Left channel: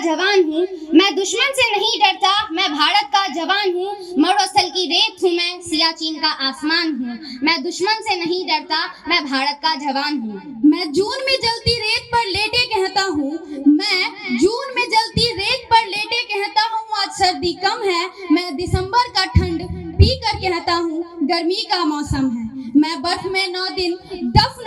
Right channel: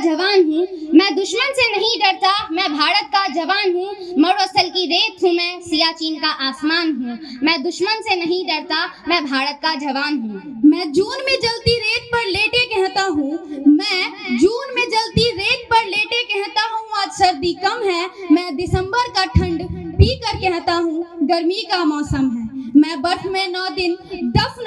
जवान हूँ, मैं दुश्मन से नहीं डरता, मैं भारत का जवान हूँ। मरुस्थल की रेत हूँ मैं, सियाचिन का आसमान हूँ। मैं दुश्मन से नहीं डरता, मैं भारत का जवान हूँ। मैं जून में जलती रेत पर लेटे कहता हूँ, मैं जून में जलती रेत पर लेटे कहता हूँ आज सर्दी कम है। मैं दिसंबर का ठंड पी कर कहता हूँ गर्मी का मौसम है। मैं बर्फ में 9 दिन दफन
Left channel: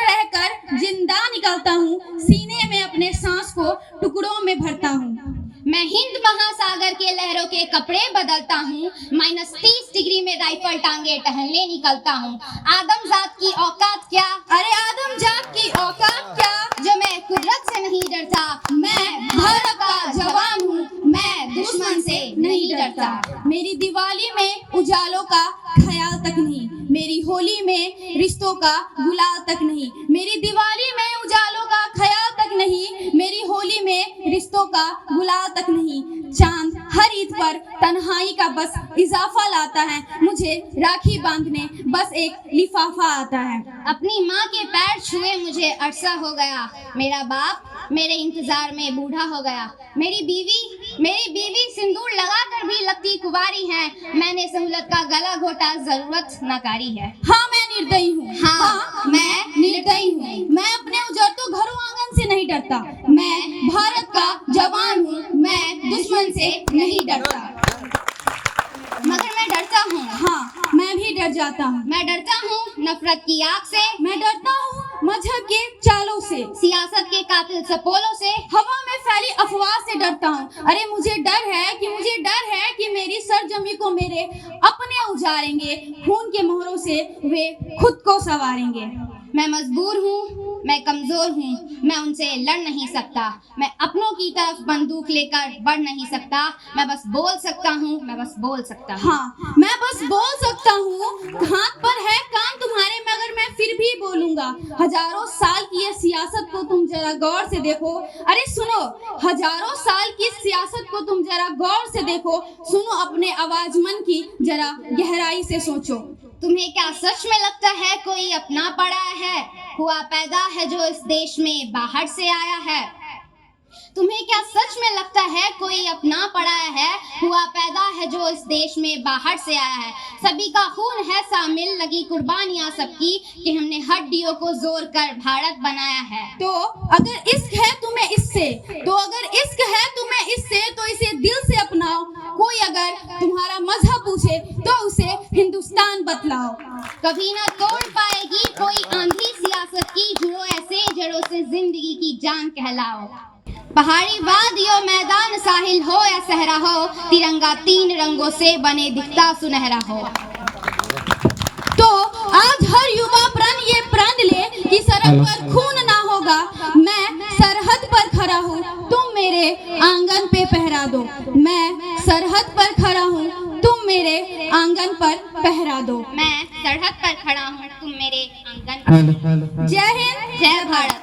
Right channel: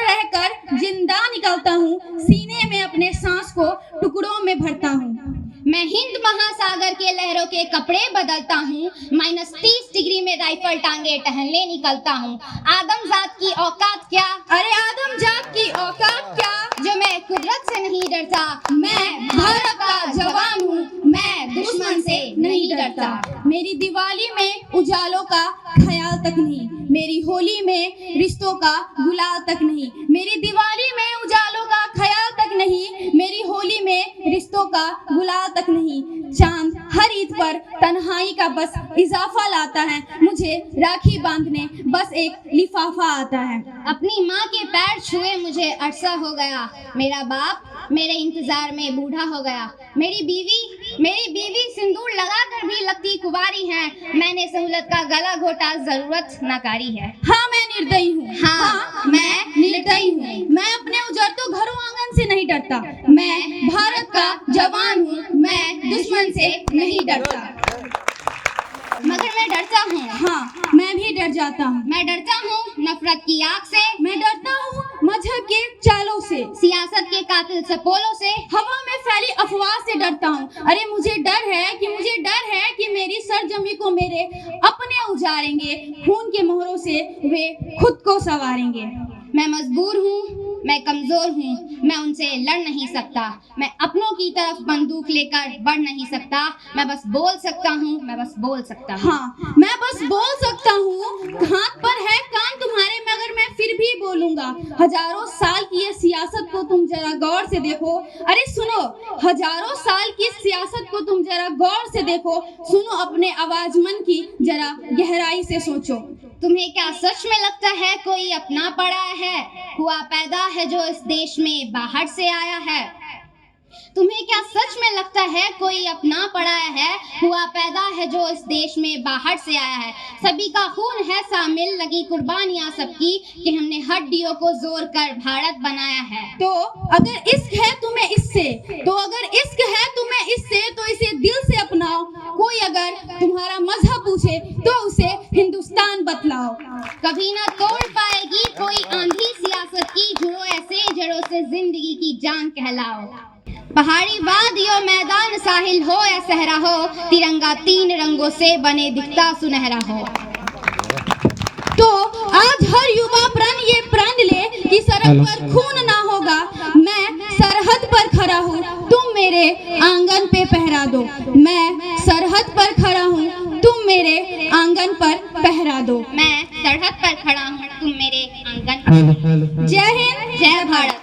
रहकर जिंदा निकलता हूँ, सीने में अपने सांस को टुकड़ों में भरता हूँ। मैं हिंद महासागर के लहरों के कपड़े बदलता हूँ, -30 डिग्री में राइफल टांगे टहलने निकलता हूँ। आदमजात की औकात क्या, अरे आदमजात की औकात क्या, जो मैं कुदरत से नहीं डरता। मैं भारत का जवान हूँ, मैं दुश्मन से नहीं डरता। मेरी दिवाली में उजालों का ख्याल तक नहीं, मेरी होली में रिश्तों का गुलाल तक नहीं। मेरी दिवाली में उजालों का ख्याल तक नहीं, मेरी होली में रिश्तों का गुलाल तक नहीं। चांद हर ईद पर तन्हाई का बस इजाफा लाता है, मुझे राखी बांधने बस एक लिफाफा आता है। अपनी माँ के पैर छुए मुझे अरसा हो गया, मेरा बाप मेरे इंतजार में बूढ़ा हो गया। मेरी बीवी सिंदूर लगाकर भी लगती कुंवारी है। मैंने सहूलत का गला घोटा, जरूरत नाकारी है। हाँ मैं निर्दयी हूँ, हाँ मैं निर्दयी हूँ। मैं अपने उजड़ते घरों आंगन से नहीं डरता। मैं भारत का जवान हूँ, मैं दुश्मन से नहीं डरता। मगर मैं डरता हूँ, हाँ मैं भी डर जाता हूँ। मैं डरता हूँ नफरत की आग से, मैं डरता हूँ मजहब के चालों से, सियासत के कातिल सपोलों से, हवा में फैली अफवाह से डरता हूँ। अरे मुझे डर है कि मेरी सरजमी को मेरे अपने उजाड़ेंगे, खून के मोहरों से वे खुद को संवारेंगे। मैं मजबूर हूँ, मैं कमजोर हूँ, मैं उनसे लड़ नहीं सकता। मैं अपनों की तरफ बंदूक लेकर बढ़ नहीं सकता। मैं बस बोल सकता हूँ, मैं बस बोल सकता हूँ। हाँ मैं बस बोल सकता हूँ। हाथ पर है कान तुम्हारे, मगर मैं फिर भी बोलूंगा। हजारों साल की ये सियासत को तुम जरा गौर से देखो। अरे सुनो, हजारों साल की सियासत को तुम जरा गौर से देखो। सुनो अपने आवाज मन की जरा गहराई से सोचो। तुम्हें क्या सच में लगता है कोई अपना पड़ा है, हुआ पैदा है जो इस देश में बाहर से आया है? तुम्हें क्या सच में लगता है कोई अपना पड़ा है, हुआ पैदा है जो इस देश में बाहर से आया है? सभी का खून है शामिल, लगी कुर्बानियां सबकी, कि हमने हड्डियों को जोड़ कर भारत बनाया है। तो अगर इश्क है तुम्हें इससे तो इसे दिल से अपनाओ। कोई अगर तुम्हारा मजहब पूछे तो उसे हिंदुस्तान बतलाओ। कभी ना तोड़ पाएगी कोई आंधी सियासत की, जुड़ो ऐसे जड़ों से जिंदगी की जान कहलाओ। पहाड़ी वादियों मैदान साहिल हो या सहरा हो, तिरंगा 3 रंगों से बने दिखता सुनहरा हो। तो आज हर युवा प्रण ये प्रण ले कि सड़क पर खून ना होगा। मैं सरहद पर खड़ा हूँ, तुम मेरे आंगन पे पहरा दो। मैं सरहद पर खड़ा हूँ, तुम मेरे आंगन पर पहरा दो। मैं सरहद पर खड़ा हूँ, तुम मेरे आंगन पर। जय हिंद, जय भारत।